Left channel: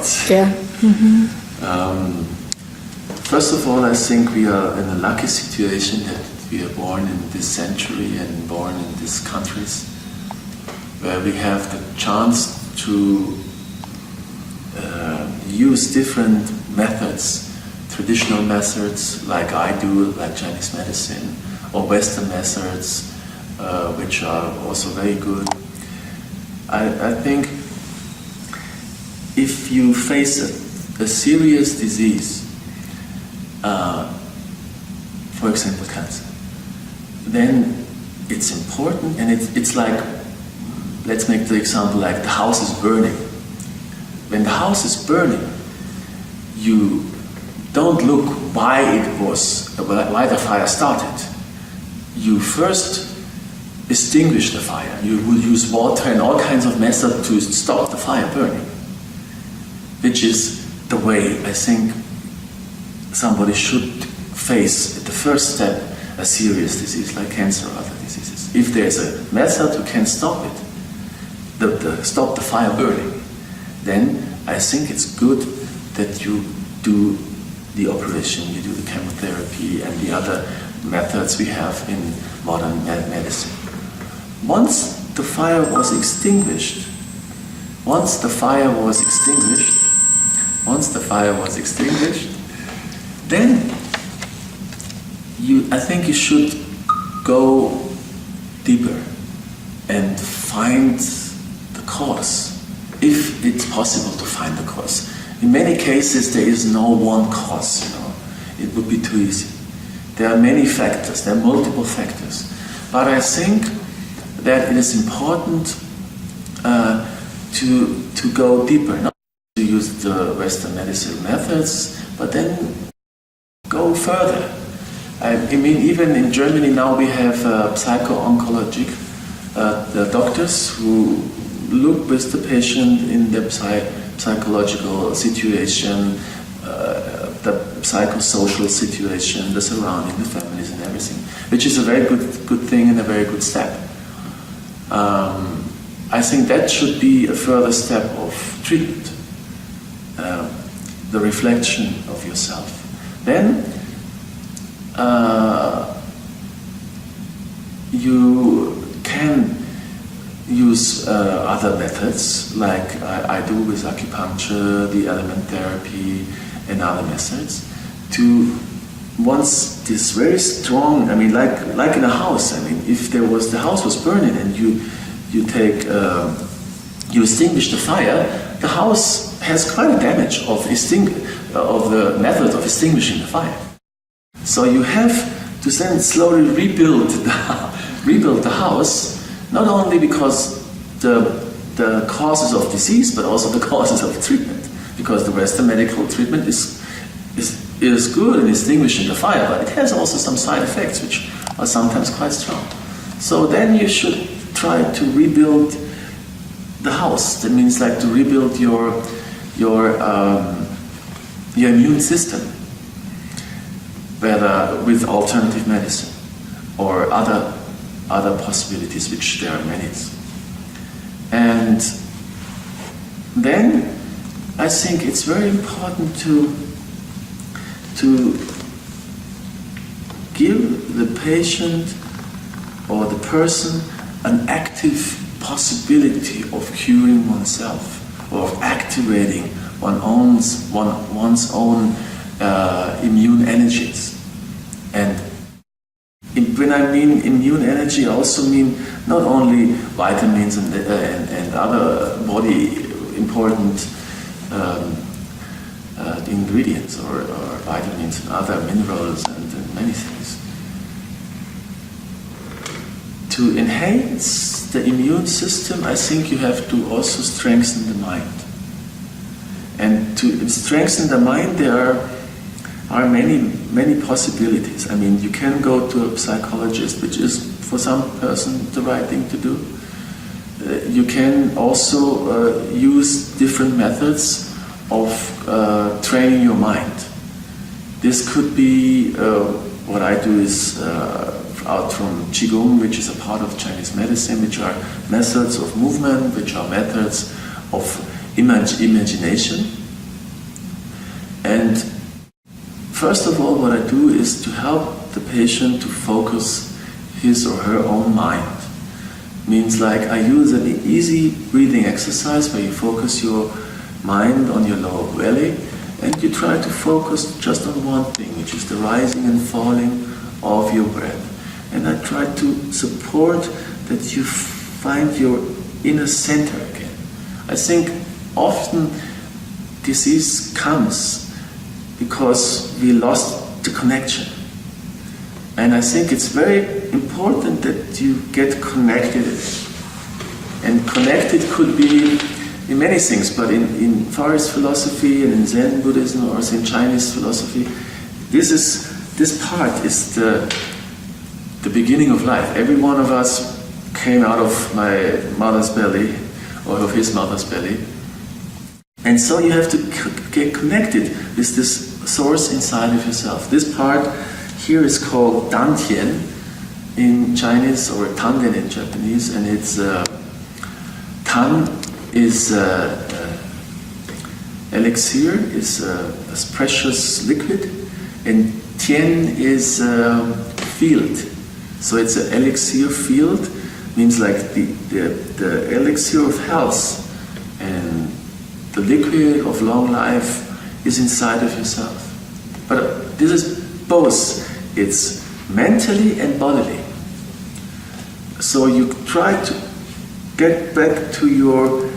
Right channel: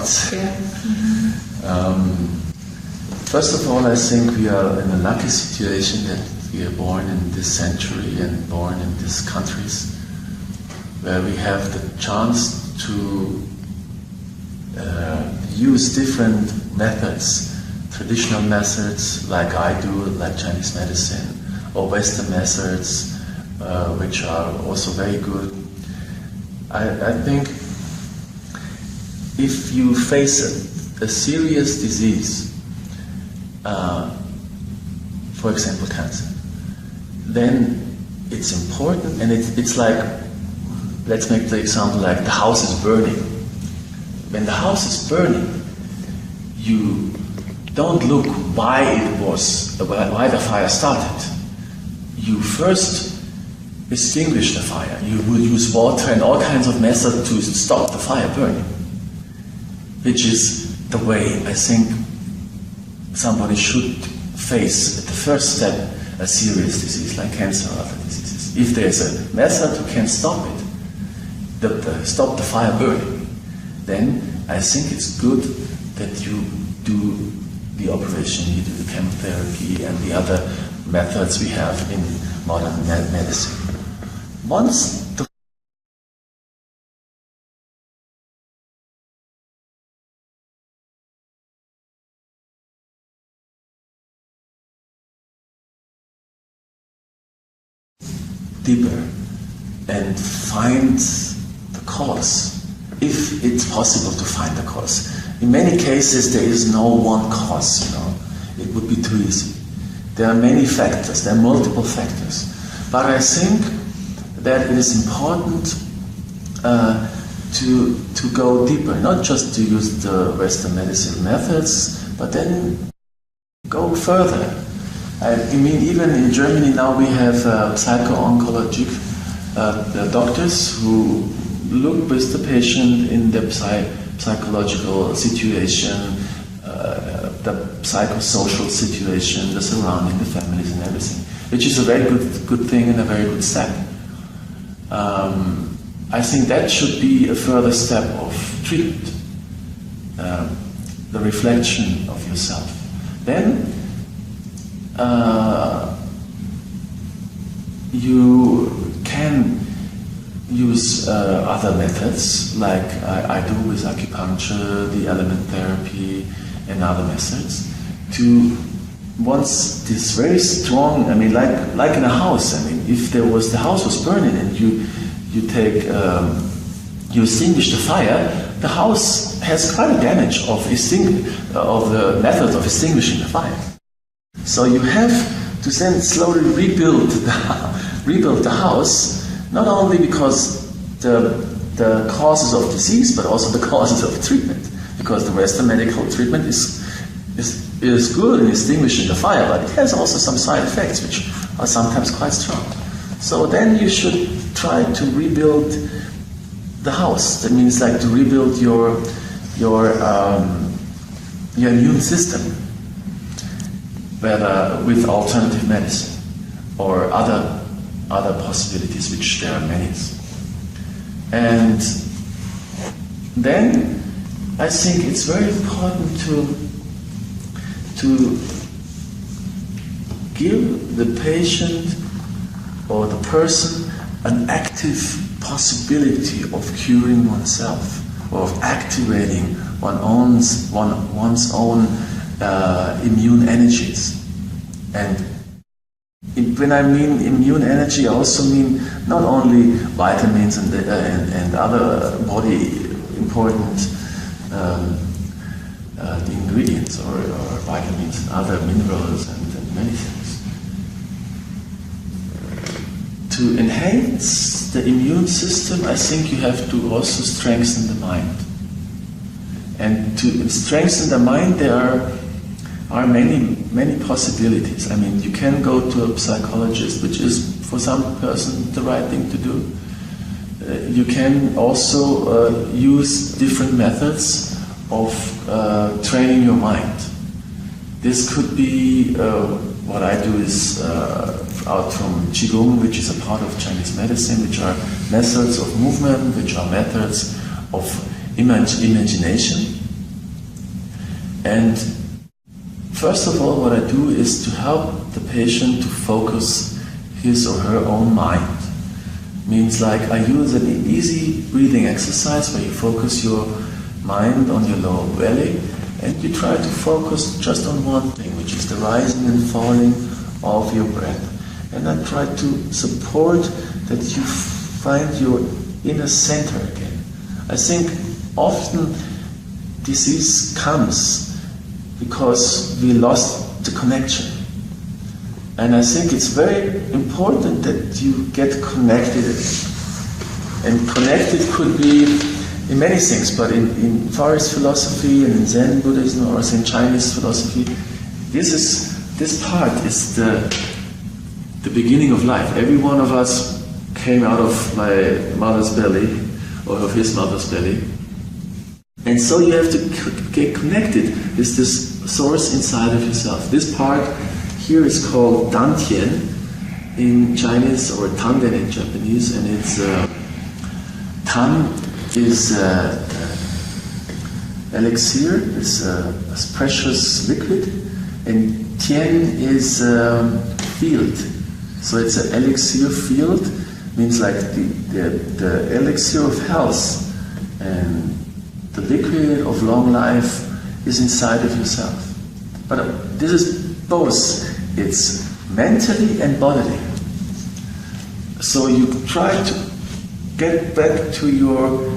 starts. Yeah. First of all, I think we are in a lucky situation that we are born in this century and born in these countries where we have the chance to use different methods, traditional methods like I do, like Chinese medicine, or Western methods, which are also very good. I think if you face a serious disease, for example cancer, then it's important, and it's like, let's make the example like the house is burning. When the house is burning, you don't look why the fire started. You first extinguish the fire. You will use water and all kinds of methods to stop the fire burning, which is the way I think somebody should face at the first step a serious disease like cancer or other diseases. If there's a method who can stop it, stop the fire burning, then I think it's good that you do the operation, you do the chemotherapy and the other methods we have in modern medicine. Once the fire was extinguished, then I think you should go deeper and find the cause, if it's possible to find the cause. In many cases, there is no one cause, It would be too easy. There are many factors, there are multiple factors. But I think that it is important to go deeper, not just to use the Western medicine methods, but then go further. I mean, even in Germany now we have psycho-oncologic doctors who look with the patient in the psychological situation, the psychosocial situation, the surrounding, the families and everything, which is a very good thing and a very good step. I think that should be a further step of treatment, the reflection of yourself. Then you can use other methods like I do with acupuncture, the element therapy and other methods to, once this very strong, I mean like in a house, I mean if the house was burning and you extinguish the fire, the house has quite a damage of the method of extinguishing the fire. So you have to then slowly rebuild the house, not only because the causes of disease, but also the causes of treatment. Because the Western medical treatment is good in extinguishing the fire, but it has also some side effects which are sometimes quite strong. So then you should try to rebuild the house. That means like to rebuild your immune system, whether with alternative medicine or other possibilities, which there are many. And then I think it's very important to give the patient or the person an active possibility of curing oneself, or of activating one's own immune energies. And when I mean immune energy, I also mean not only vitamins and other body important ingredients or vitamins and other minerals and many things. To enhance the immune system, I think you have to also strengthen the mind. And to strengthen the mind, there are many possibilities. I mean, you can go to a psychologist, which is for some person the right thing to do. You can also use different methods of training your mind. This could be what I do is out from Qigong, which is a part of Chinese medicine, which are methods of movement, which are methods of imagination. And first of all, what I do is to help the patient to focus his or her own mind. Means like I use an easy breathing exercise where you focus your mind on your lower belly and you try to focus just on one thing, which is the rising and falling of your breath. And I try to support that you find your inner center again. I think often disease comes because we lost the connection. And I think it's very important that you get connected again. And connected could be in many things, but in Far East philosophy and in Zen Buddhism or in Chinese philosophy, this part is the beginning of life. Every one of us came out of my mother's belly or of his mother's belly. And so you have to get connected with this source inside of yourself. This part here is called Dantian in Chinese or Tanden in Japanese, and it's Tan is elixir, is a precious liquid, and Tian is field. So it's an elixir field, means like the elixir of health, and the liquid of long life is inside of yourself. But this is both. It's mentally and bodily. So you try to get back to your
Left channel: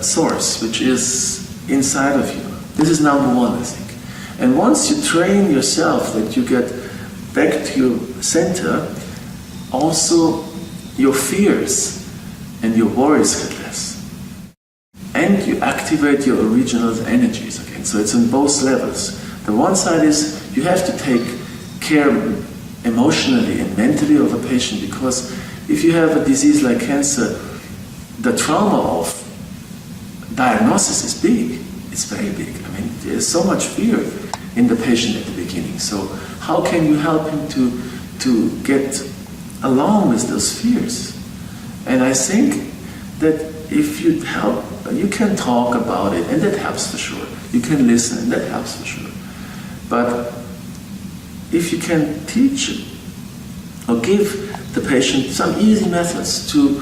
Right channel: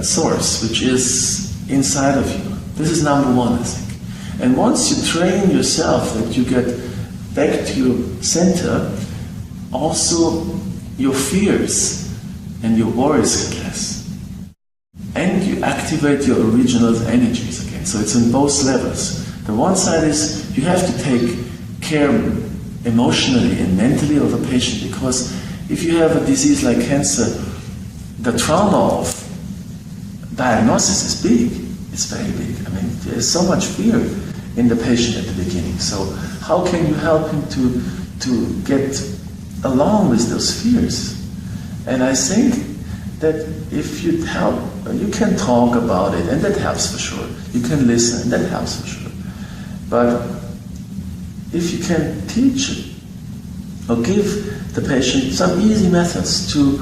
source, which is inside of you. This is number one, I think. And once you train yourself that you get back to your center, also your fears and your worries get less. And you activate your original energies again. So it's on both levels. The one side is you have to take care emotionally and mentally of a patient, because if you have a disease like cancer, the trauma of diagnosis is big. It's very big. I mean, there's so much fear in the patient at the beginning. So how can you help him to get along with those fears? And I think that if you help, you can talk about it, and that helps for sure. You can listen, and that helps for sure. But if you can teach or give the patient some easy methods to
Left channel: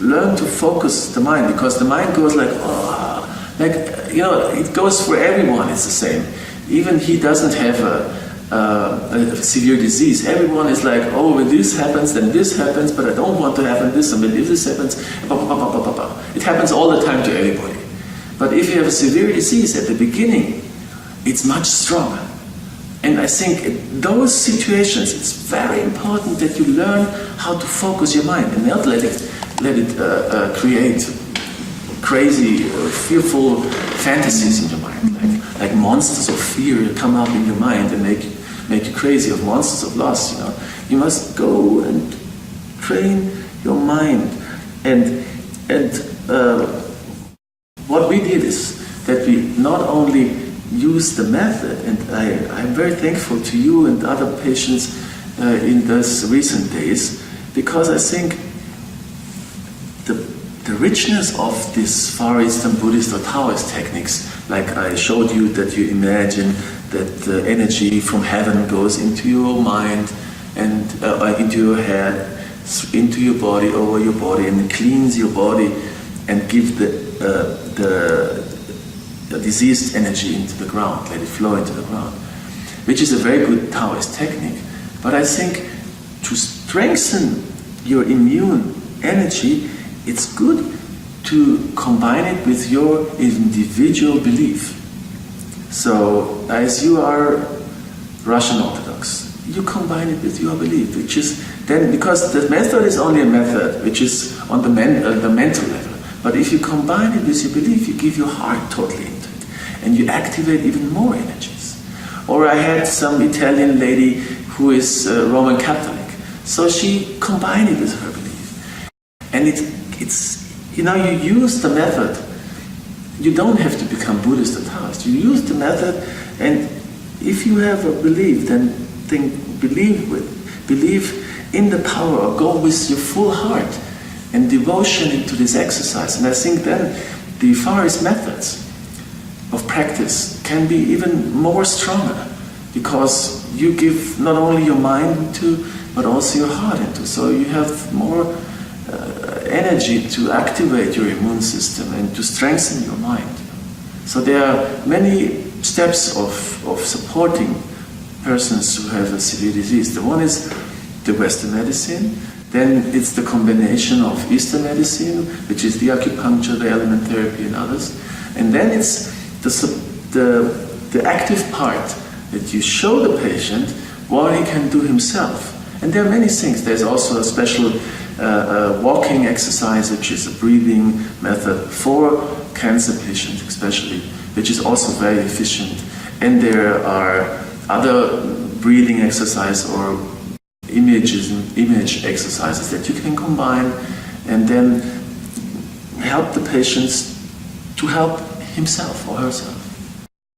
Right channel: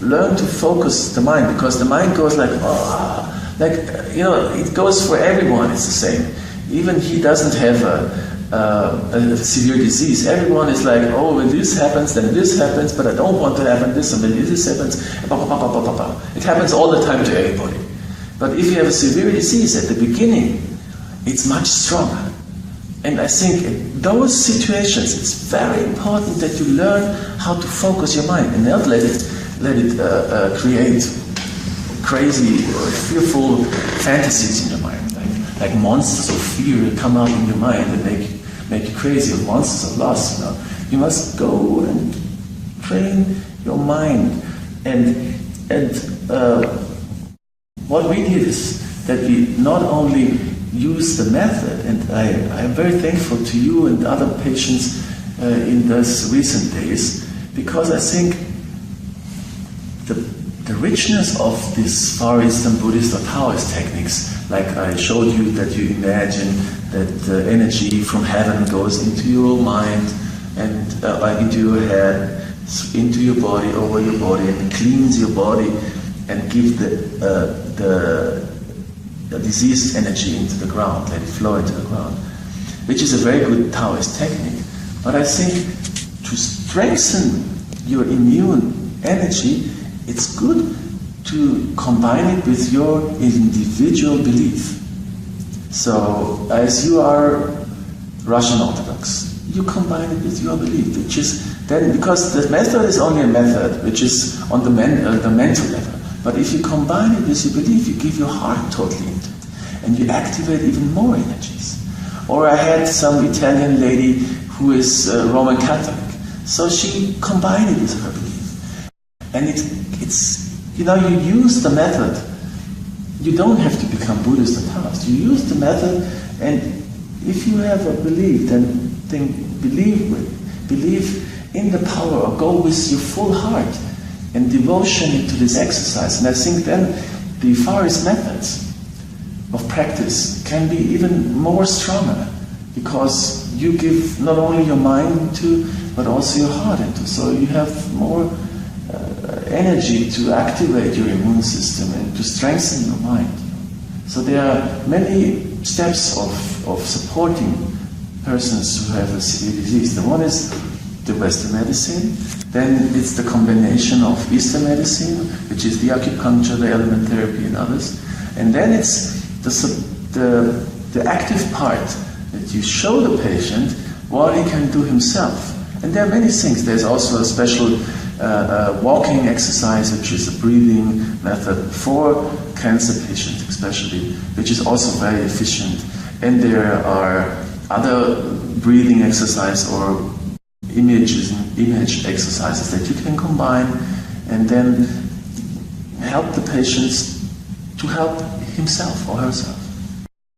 learn to focus the mind, because the mind goes like, it goes for everyone, it's the same. Even he doesn't have a severe disease. Everyone is like, oh, when this happens, then this happens, but I don't want to happen this, and when this happens, it happens all the time to everybody. But if you have a severe disease at the beginning, it's much stronger. And I think in those situations, it's very important that you learn how to focus your mind and not let it create crazy, fearful fantasies in your mind, like monsters of fear come up in your mind and make you crazy, or monsters of loss. You must go and train your mind. And what we did is that we not only use the method, and I'm very thankful to you and other patients in these recent days, because I think the richness of these Far Eastern Buddhist or Taoist techniques, like I showed you that you imagine that the energy from heaven goes into your mind and into your head, into your body, over your body, and cleans your body and give the diseased energy into the ground, let it flow into the ground, which is a very good Taoist technique. But I think to strengthen your immune energy, it's good to combine it with your individual belief. So, as you are Russian Orthodox, you combine it with your belief, which is then, because the method is only a method which is on the mental level. But if you combine it with your belief, you give your heart totally into it, and you activate even more energies. Or I had some Italian lady who is Roman Catholic, so she combined it with her belief. And it's you use the method. You don't have to become Buddhist or Taoist. You use the method, and if you have a belief, then believe in the power, or go with your full heart and devotion into this exercise. And I think then the Far East methods of practice can be even more stronger, because you give not only your mind to, but also your heart into. So you have more energy to activate your immune system and to strengthen your mind. So there are many steps of supporting persons who have a severe disease. The one is the Western medicine, then it's the combination of Eastern medicine, which is the acupuncture, the element therapy and others, and then it's the active part that you show the patient what he can do himself. And there are many things. There's also a special walking exercise, which is a breathing method for cancer patients especially, which is also very efficient. And there are other breathing exercise or image exercises that you can combine and then help the patients to help himself or herself.